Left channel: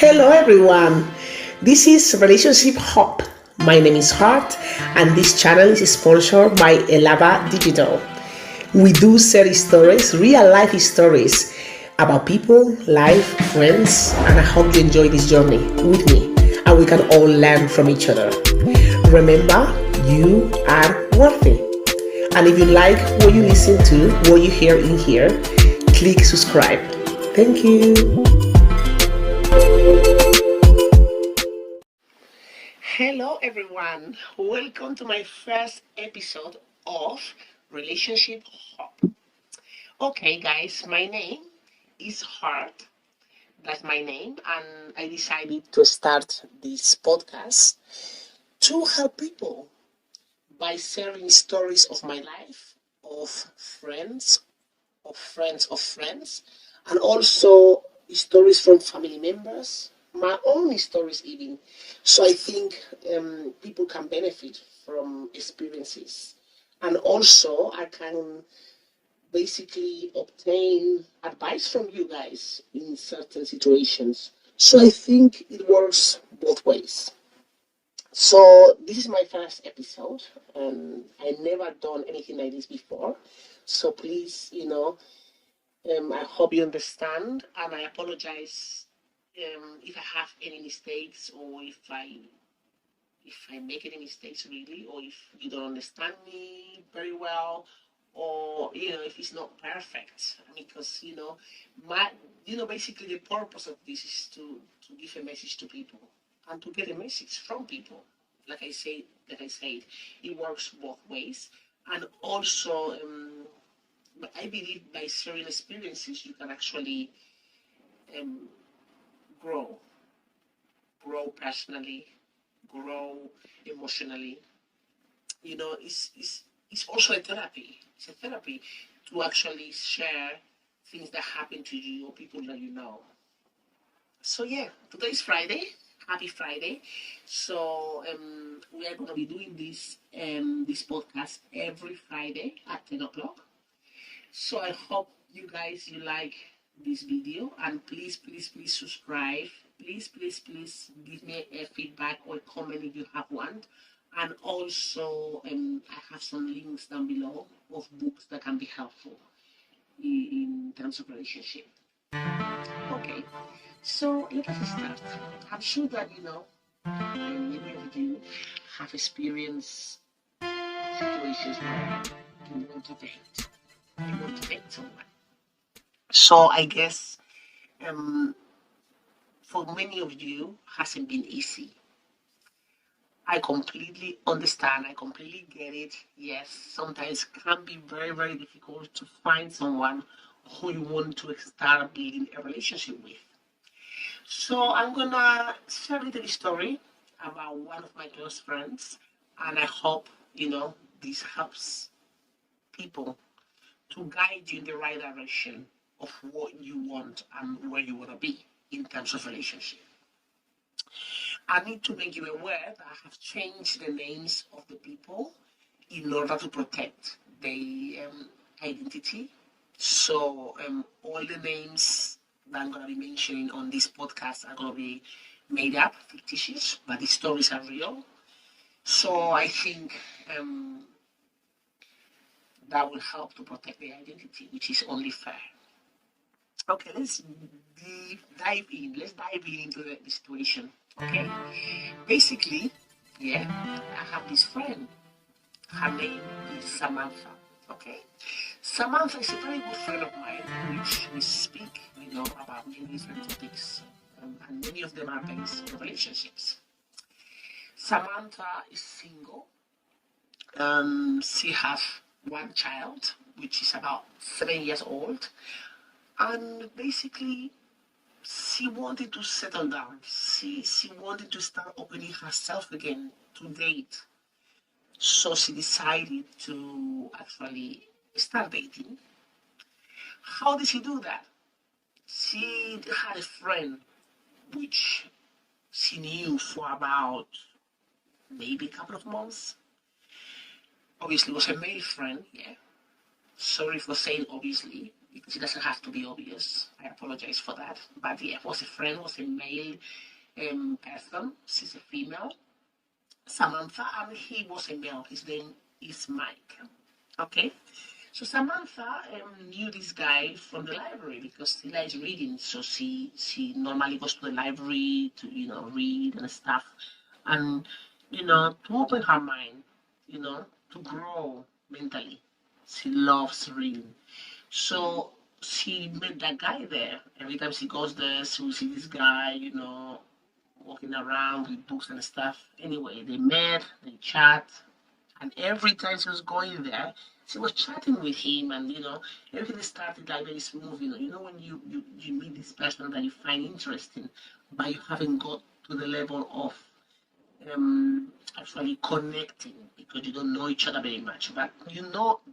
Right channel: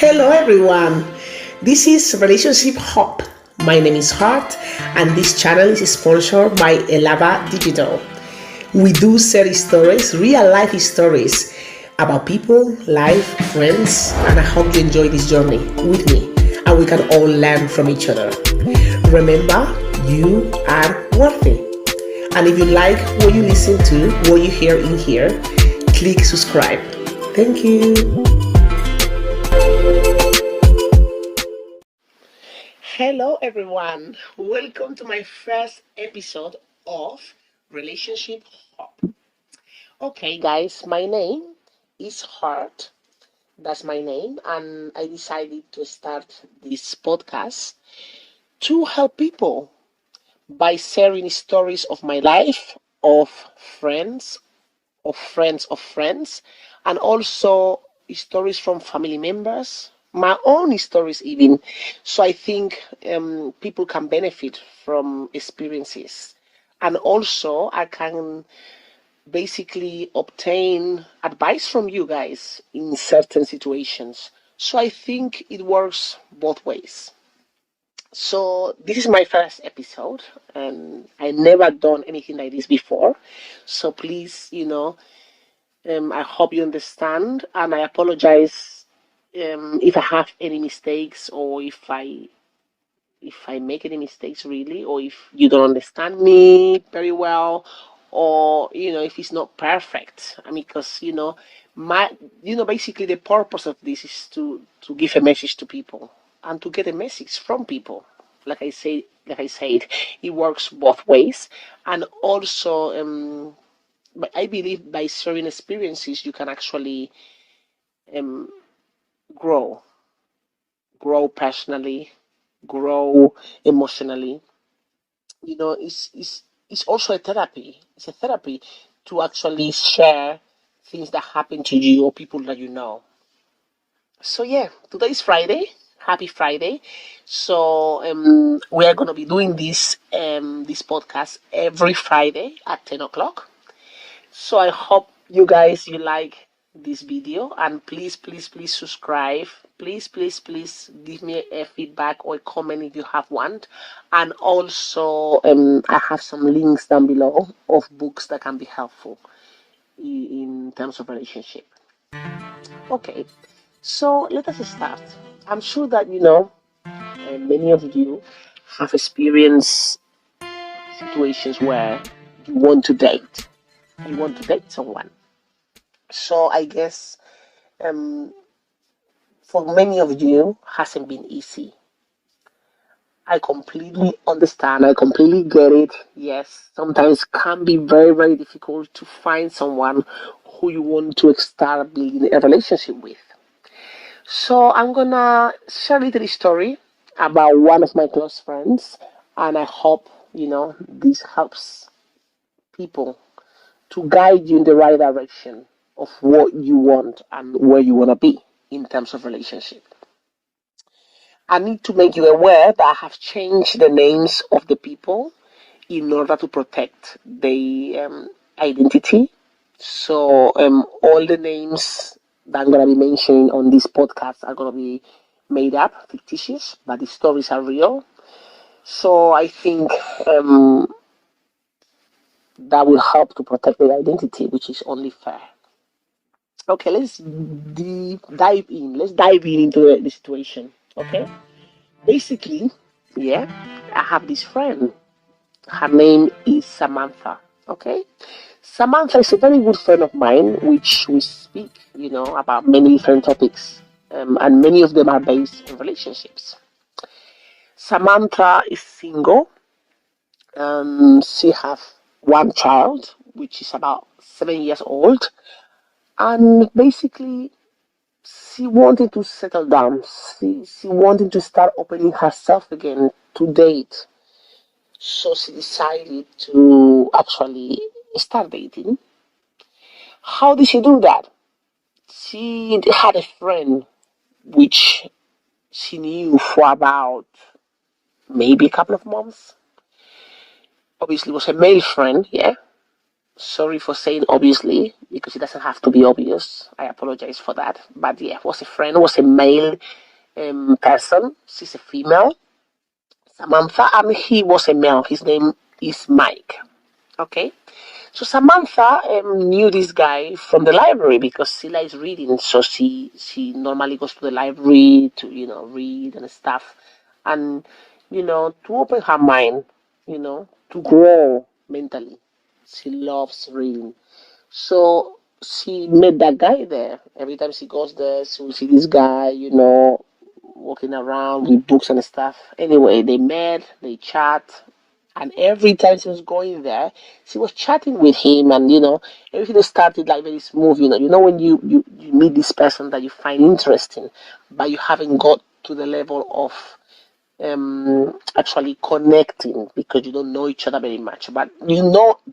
Hello everyone. This is Relationship Hub. My name is Hart and this channel is sponsored by Ëlabba Digital. We do share stories, real life stories about people, life, friends, and I hope you enjoy this journey with me and we can all learn from each other. Remember, you are worthy. And if you like what you listen to, what you hear in here, click subscribe. Thank you. Hello everyone, welcome to my first episode of Relationship Hub. Okay guys, my name is Hart, that's my name, and I decided to start this podcast to help people by sharing stories of my life, of friends, of friends, and also stories from family members, my own stories even. So I think people can benefit from experiences, and also I can basically obtain advice from you guys in certain situations. So I think it works both ways. So this is my first episode, and I never done anything like this before. So please, I hope you understand, and I apologize if I have any mistakes or if I make any mistakes really, or if you don't understand me very well, or if it's not perfect. I mean, because my basically the purpose of this is to give a message to people and to get a message from people. Like I said, it works both ways, and also but I believe by sharing experiences, you can actually um, grow, grow personally, grow emotionally. It's also a therapy. It's a therapy to actually share things that happen to you or people that you know. So yeah, today is Friday. Happy Friday. So we are gonna be doing this podcast every Friday at 10 o'clock. So I hope you like this video, and please subscribe. Please give me a feedback or a comment if you have one. And also I have some links down below of books that can be helpful in terms of relationship. Okay, so let us start. I'm sure that many of you have experienced situations where you want to date. You want to date someone. So I guess um, for many of you hasn't been easy. I completely understand. I completely get it. Yes, sometimes can be very difficult to find someone who you want to start building a relationship with. So I'm gonna share a little story about one of my close friends, and I hope this helps people to guide you in the right direction of what you want and where you want to be in terms of relationship. I need to make you aware that I have changed the names of the people in order to protect the identity. So all the names that I'm going to be mentioning on this podcast are going to be made up, fictitious, but the stories are real. So I think that will help to protect the identity, which is only fair. Okay, let's dive in. Let's dive in into the situation. Okay, basically, yeah, I have this friend. Her name is Samantha. Okay, Samantha is a very good friend of mine, which we speak, about many different topics, and many of them are based in relationships. Samantha is single. She has one child, which is about 7 years old, and basically she wanted to settle down. She wanted to start opening herself again to date. So she decided to actually start dating. How did she do that? She had a friend which she knew for about maybe a couple of months. Obviously, it was a male friend, yeah. Sorry for saying obviously, because it doesn't have to be obvious. I apologize for that. But yeah, was a friend, was a male person. She's a female, Samantha, and he was a male. His name is Mike. Okay. So Samantha knew this guy from the library because she likes reading. So she normally goes to the library to read and stuff, and to open her mind, to grow mentally. She loves reading. So she met that guy there. Every time she goes there, she will see this guy, walking around with books and stuff. Anyway, they met, they chat, and every time she was going there, she was chatting with him, and everything started like very smooth. When you meet this person that you find interesting, but you haven't got to the level of actually connecting because you don't know each other very much, but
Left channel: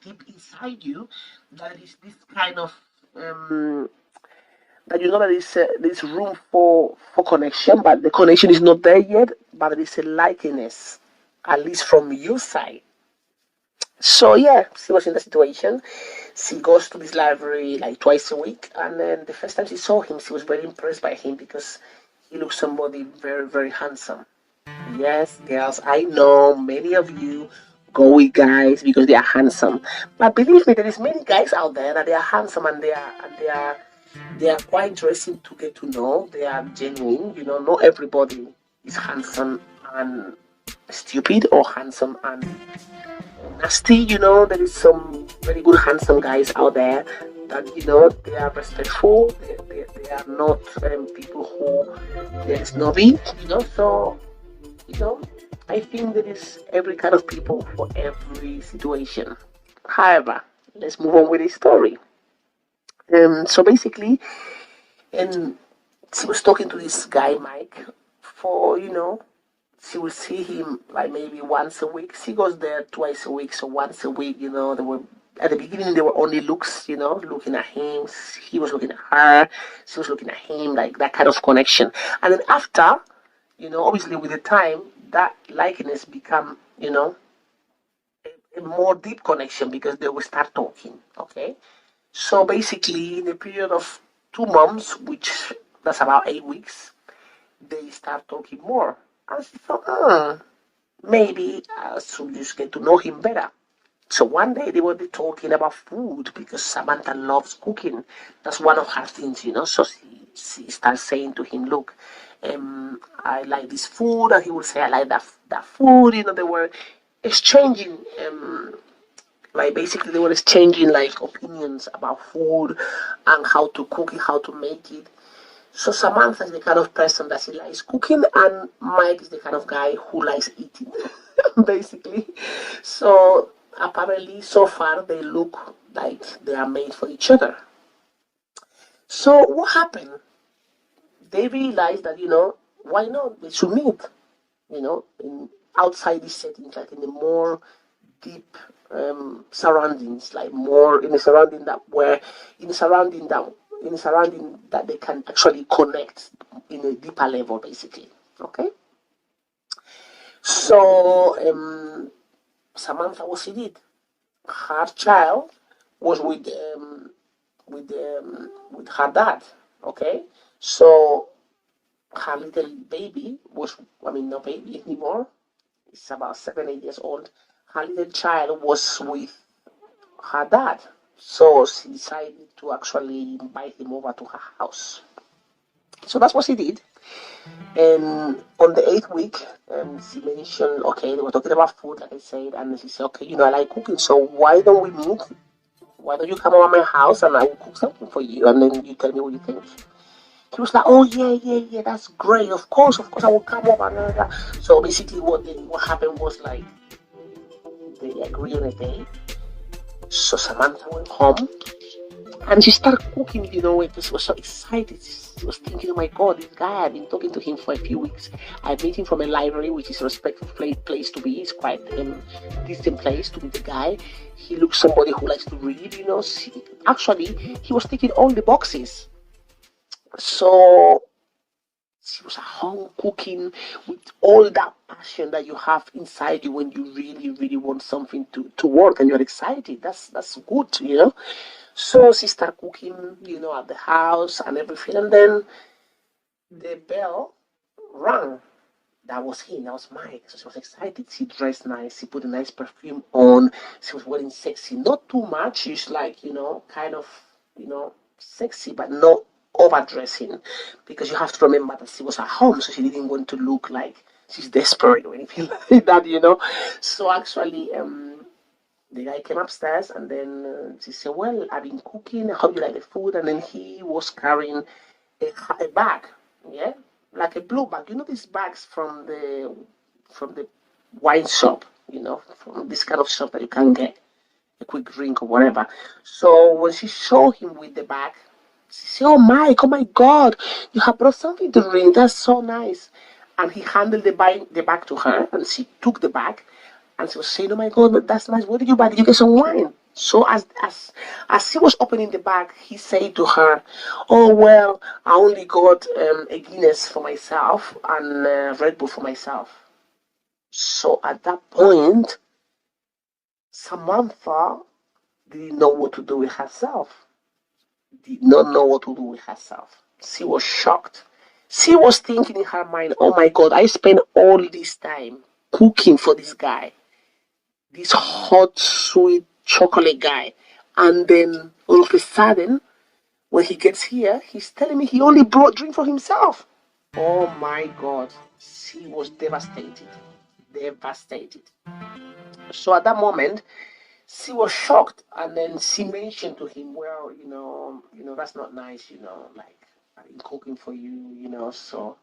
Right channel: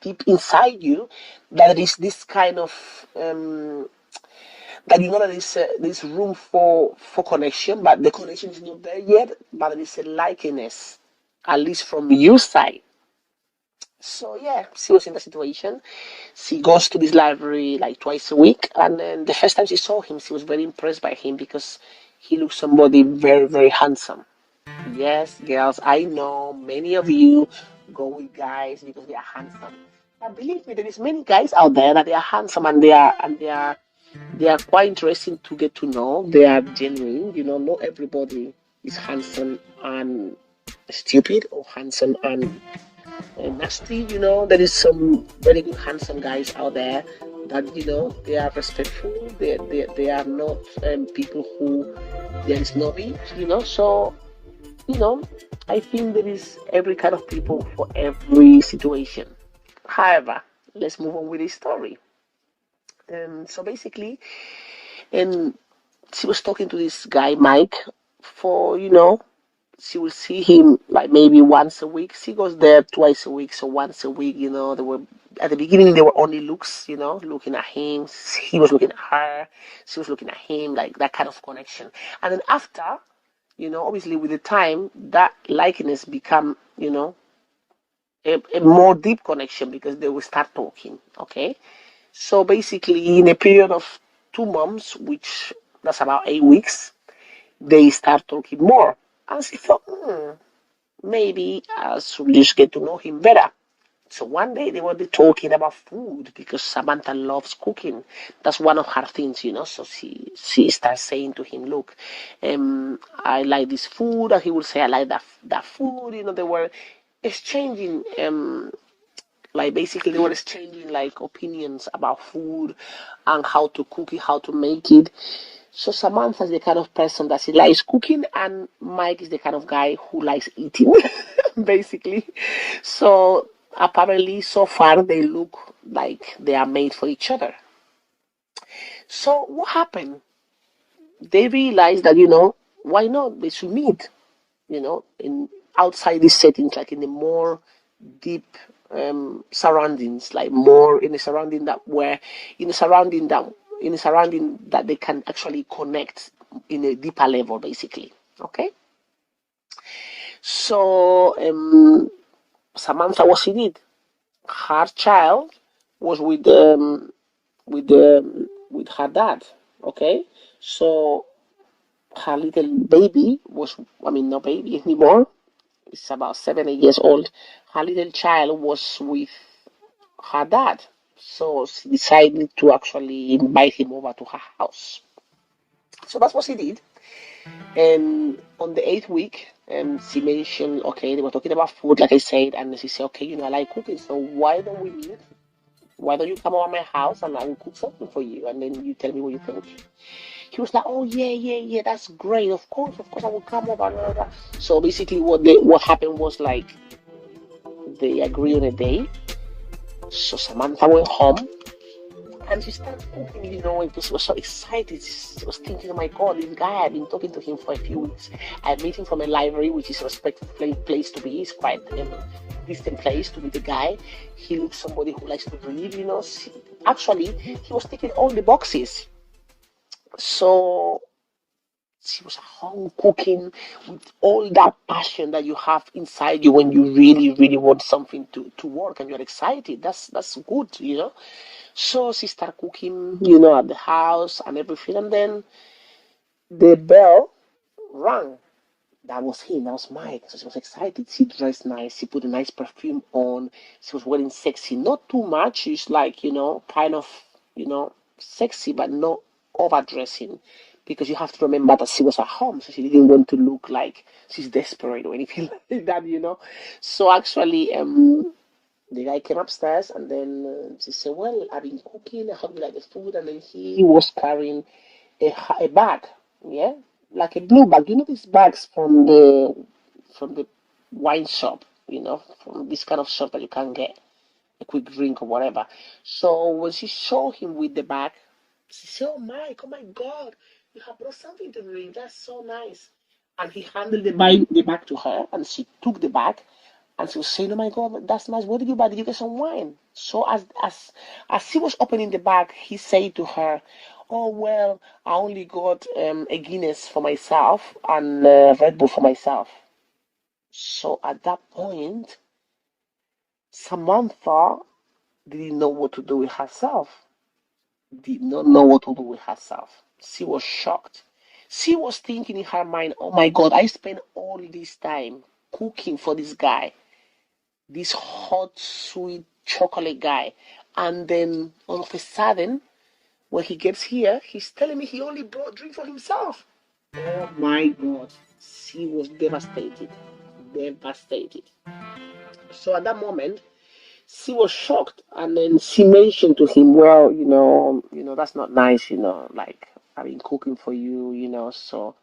deep inside you that there is this kind of that there's room for connection, but the connection is not there yet, but there is a likeness, at least from your side. So yeah, she was in the situation. She goes to this library like twice a week, and then the first time she saw him, she was very impressed by him because he looks somebody very, very handsome. Yes, girls, I know many of you go with guys because they are handsome. But believe me, there is many guys out there that they are handsome, and they are quite interesting to get to know. They are genuine. Not everybody is handsome and stupid or handsome and nasty. There is some very good handsome guys out there that they are respectful. They are not people who they are snobby. So I think there is every kind of people for every situation. However, let's move on with the story. So basically, and she was talking to this guy Mike for she will see him like maybe once a week. She goes there twice a week, so once a week. They were at the beginning they were only looks, looking at him. He was looking at her. She was looking at him, like that kind of connection. And then after, obviously with the time, that likeness become, a more deep connection because they will start talking. Okay, so basically in a period of 2 months, which that's about 8 weeks, they start talking more. And she thought, maybe I should just get to know him better. So one day they will be talking about food because Samantha loves cooking. That's one of her things. So she starts saying to him, "Look, I like this food," and he will say, "I like that food." They were exchanging, like basically they were exchanging like opinions about food and how to cook it, how to make it. So Samantha is the kind of person that she likes cooking, and Mike is the kind of guy who likes eating, basically. So apparently, so far they look like they are made for each other. So what happened? They realized that why not? They should meet. In outside these settings, like in the more deep surroundings, like more in a surrounding that where in a surrounding that in a surrounding that they can actually connect in a deeper level, basically. Okay. So Samantha, what she did, her child was with her dad. Okay, so her little baby was, I mean, not baby anymore. It's about 7, 8 years old. Her little child was with her dad. So she decided to actually invite him over to her house. So that's what she did. And on the 8th week, she mentioned, okay, they were talking about food, like I said, and she said, okay, I like cooking, so why don't we meet? Why don't you come over my house and I will cook something for you, and then you tell me what you think? He was like, oh yeah, that's great. Of course, I will come over. Blah, blah, blah. So basically, what happened was like they agreed on a day. So Samantha went home and she started cooking, and she was so excited. She was thinking, oh my God, this guy, I've been talking to him for a few weeks. I met him from a library, which is a respectful place to be. It's quite a distant place to meet the guy. He looks somebody who likes to read, Actually, he was ticking all the boxes. So she was at home cooking with all that passion that you have inside you when you really, really want something to work and you're excited. That's good. So she started cooking, at the house and everything. And then the bell rang. That was him. That was Mike. So she was excited. She dressed nice. She put a nice perfume on. She was wearing sexy. Not too much. She's like, kind of, sexy, but not overdressing. Because you have to remember that she was at home. So she didn't want to look like she's desperate or anything like that. So actually, the guy came upstairs and then she said, "Well, I've been cooking. I hope you like the food." And then he was carrying a bag, yeah, like a blue bag. These bags from the wine shop, from this kind of shop that you can get a quick drink or whatever. So when she showed him with the bag, she said, oh my God, you have brought something to drink. That's so nice." And he handed the bag to her, and she took the bag, and she was saying, "Oh my God, that's nice. What did you buy? Did you get some wine?" So as she was opening the bag, he said to her, "Oh well, I only got a Guinness for myself and Red Bull for myself." So at that point, Samantha didn't know what to do with herself. Did not know what to do with herself. She was shocked. She was thinking in her mind, "Oh my God, I spent all this time cooking for this guy, this hot, sweet chocolate guy. And then all of a sudden, when he gets here, he's telling me he only brought drink for himself." Oh my God. She was devastated. Devastated. So at that moment, she was shocked, and then she mentioned to him, "Well, that's not nice, like I've been cooking for you, so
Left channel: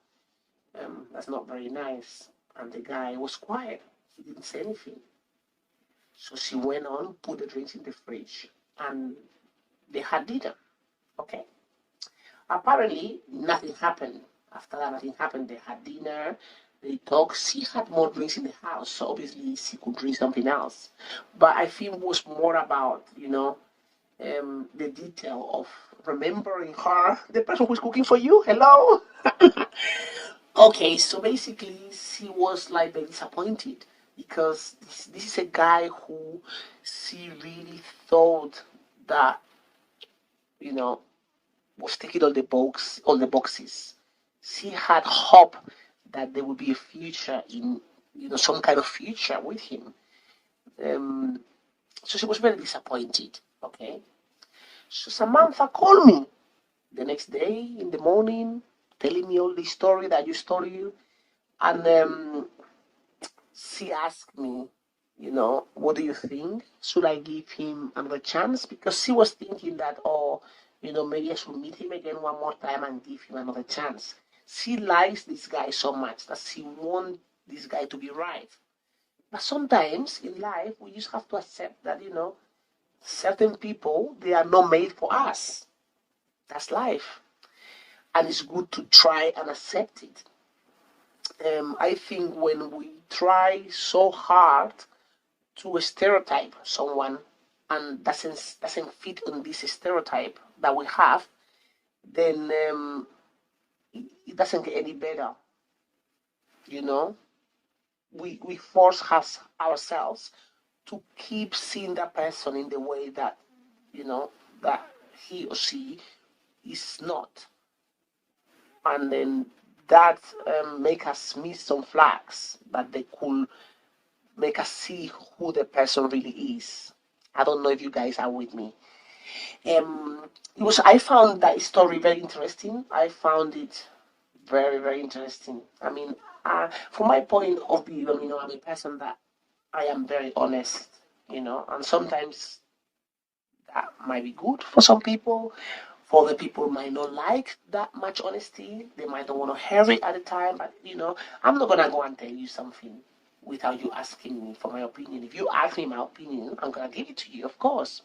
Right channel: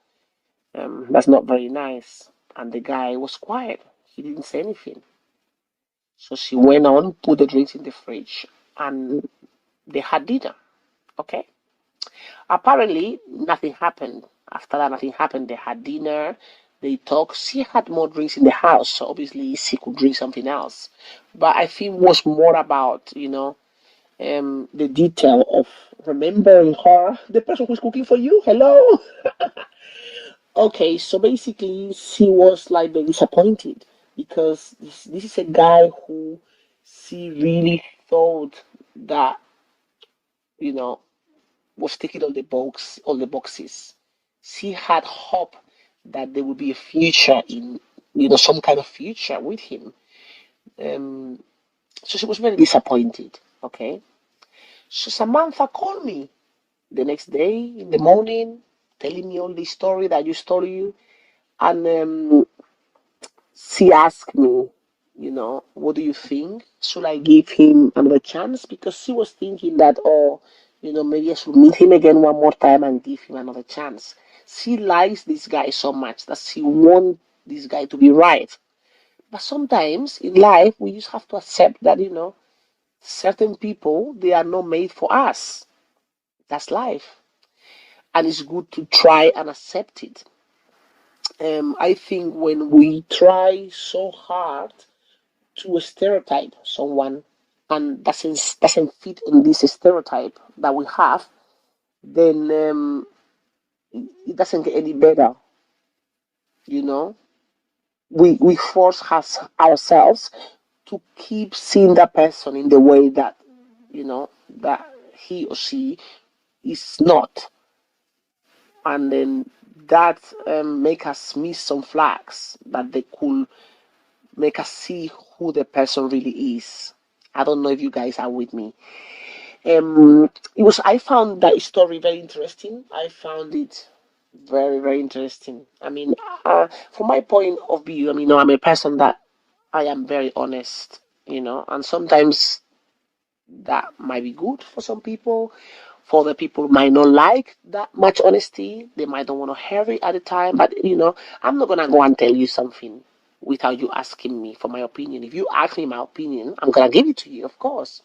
that's not very nice." And the guy was quiet. He didn't say anything. So she went on, put the drinks in the fridge, and they had dinner. Okay. Apparently, nothing happened. After that, nothing happened. They had dinner. They talked. She had more drinks in the house, so obviously she could drink something else. But I think it was more about, the detail of remembering her, the person who's cooking for you. Hello. Okay, so basically, she was like very disappointed because this is a guy who she really thought that you know was ticking all the boxes. She had hope that there would be a future in some kind of future with him. Um, so she was very disappointed. Okay, so Samantha called me the next day in the morning, telling me all the story that you told you, and she asked me, what do you think? Should I give him another chance? Because she was thinking that, oh, maybe I should meet him again one more time and give him another chance. She likes this guy so much that she wants this guy to be right. But sometimes in life, we just have to accept that, certain people, they are not made for us. That's life. And it's good to try and accept it. I think when we try so hard to stereotype someone and doesn't fit in this stereotype that we have, then it doesn't get any better. You know, we force ourselves to keep seeing that person in the way that that he or she is not, and then that make us miss some flags that they could make us see who the person really is. I don't know if you guys are with me. I found that story very interesting. I found it very, very interesting. I mean, from my point of view, I mean, I'm a person that I am very honest, and sometimes that might be good for some people. For the people who might not like that much honesty, they might don't want to hear it at the time. But I'm not gonna go and tell you something without you asking me for my opinion. If you ask me my opinion, I'm gonna give it to you, of course.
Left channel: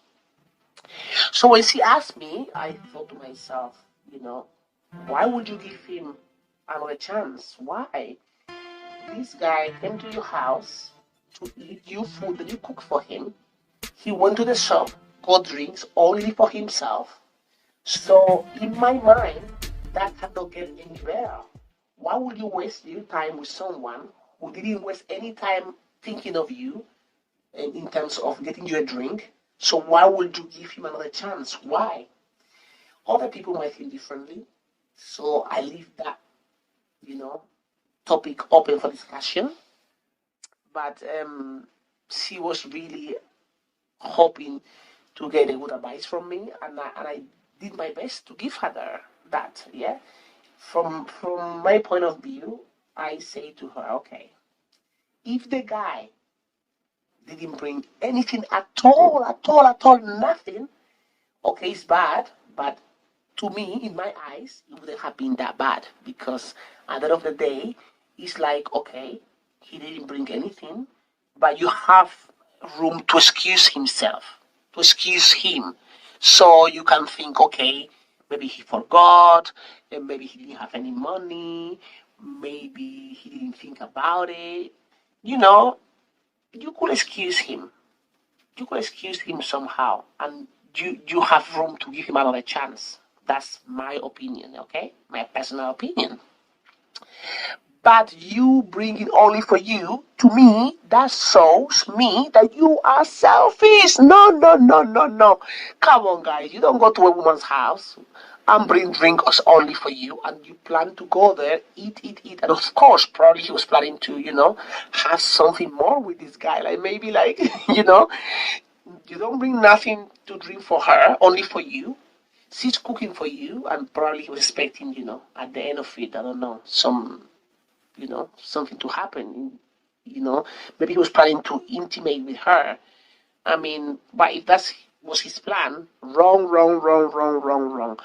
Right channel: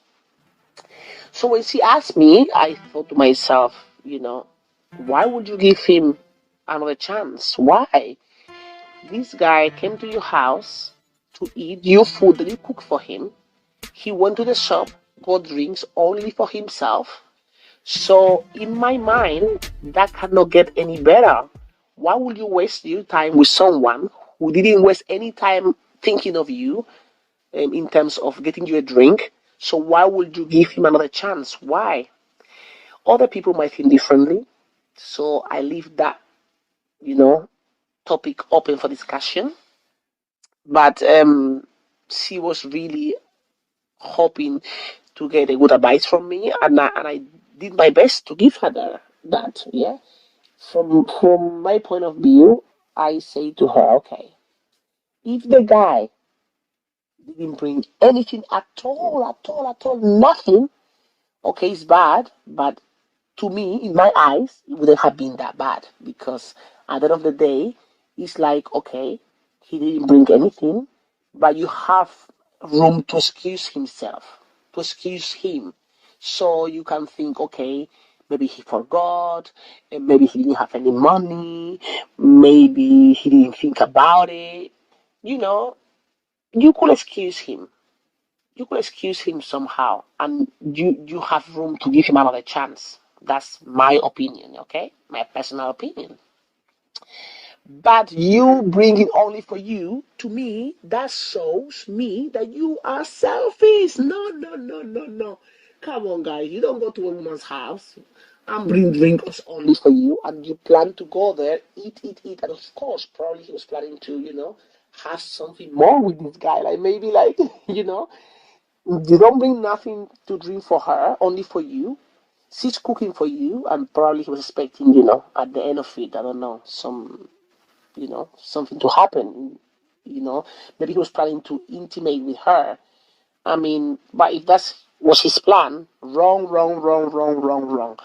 So when she asked me, I thought to myself, why would you give him another chance? Why? This guy came to your house to eat your food that you cook for him. He went to the shop, got drinks only for himself. So in my mind, that cannot get any better. Why would you waste your time with someone who didn't waste any time thinking of you in terms of getting you a drink? So why would you give him another chance? Why? Other people might think differently. So I leave that, you know, topic open for discussion. But she was really hoping to get a good advice from me, and I did my best to give her that. Yeah. From my point of view, I say to her, okay, if the guy didn't bring anything at all, nothing, okay, it's bad, but to me, in my eyes, it wouldn't have been that bad because at the end of the day, it's like, okay, he didn't bring anything, but you have room to excuse himself, to excuse him. So you can think, okay, maybe he forgot, maybe he didn't have any money, maybe he didn't think about it. You know, you could excuse him. You could excuse him somehow, and you have room to give him another chance. That's my opinion, okay? My personal opinion. But you bringing only for you, to me, that shows me that you are selfish. No, no, no, no, no. Come on, guys. You don't go to a woman's house and bring drinks only for you, and you plan to go there, eat, eat, eat. And of course, probably he was planning to, have something more with this guy. Like maybe like, you don't bring nothing to drink for her, only for you. She's cooking for you, and probably he was expecting, at the end of it, I don't know, something to happen. Maybe he was planning to intimate with her. I mean, but if that was his plan, wrong, wrong, wrong, wrong, wrong, wrong.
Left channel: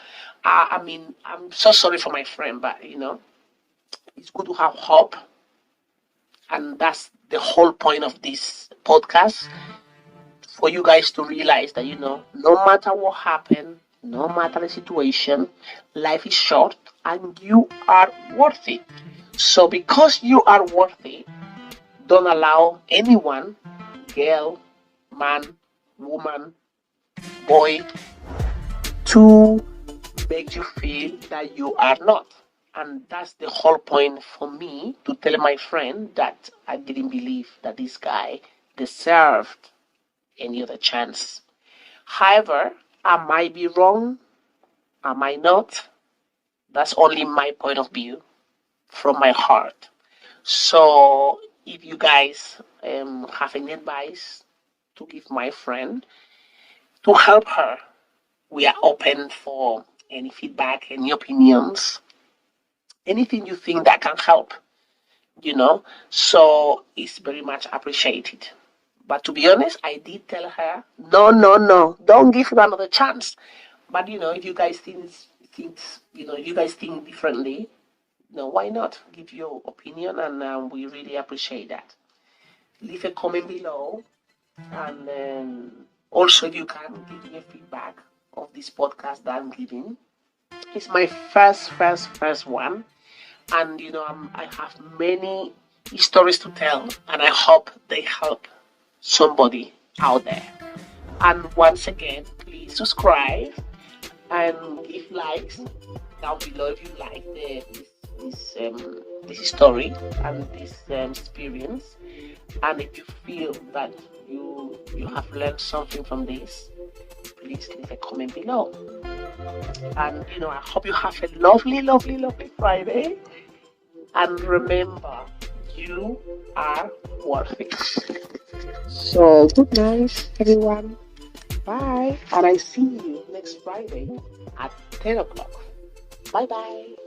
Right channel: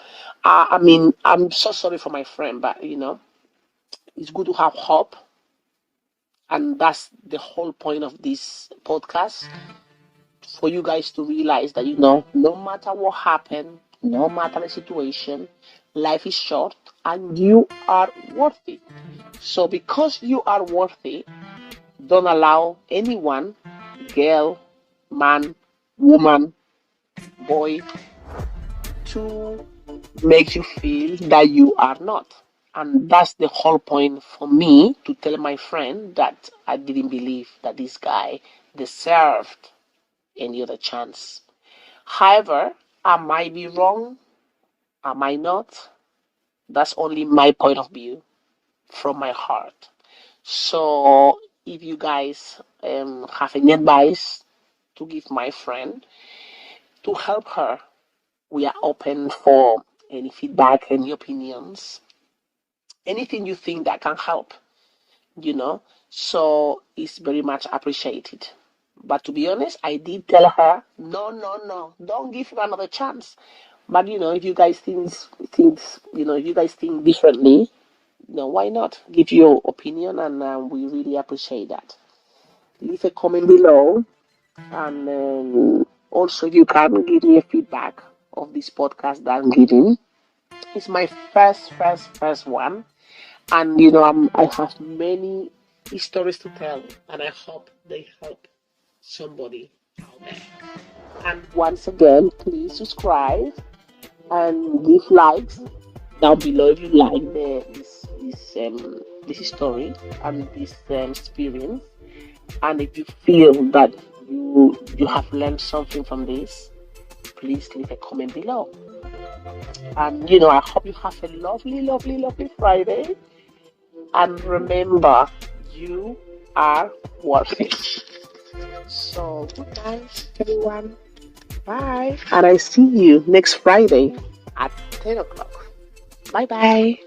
I mean, I'm so sorry for my friend, but it's good to have hope, and that's the whole point of this podcast, for you guys to realize that no matter what happened, no matter the situation, life is short and you are worth it. So because you are worth it, don't allow anyone, girl, man, woman, boy, to make you feel that you are not. And that's the whole point for me, to tell my friend that I didn't believe that this guy deserved any other chance. However, I might be wrong, I might not. That's only my point of view from my heart. So if you guys have any advice to give my friend to help her, we are open for any feedback, any opinions, anything you think that can help, so it's very much appreciated. But to be honest, I did tell her, no, no, no, don't give him another chance. But if you guys if you guys think differently, why not give your opinion? And we really appreciate that. Leave a comment below, and also if you can give me a feedback of this podcast that I'm giving. It's my first one, and I have many stories to tell, and I hope they help somebody out there. And once again, please subscribe and give likes down below if you like this story and this experience. And if you feel that you have learned something from this, please leave a comment below. And I hope you have a lovely, lovely, lovely Friday. And remember, you are worth it. So good night, everyone. Bye. And I see you next Friday at 10 o'clock. Bye bye.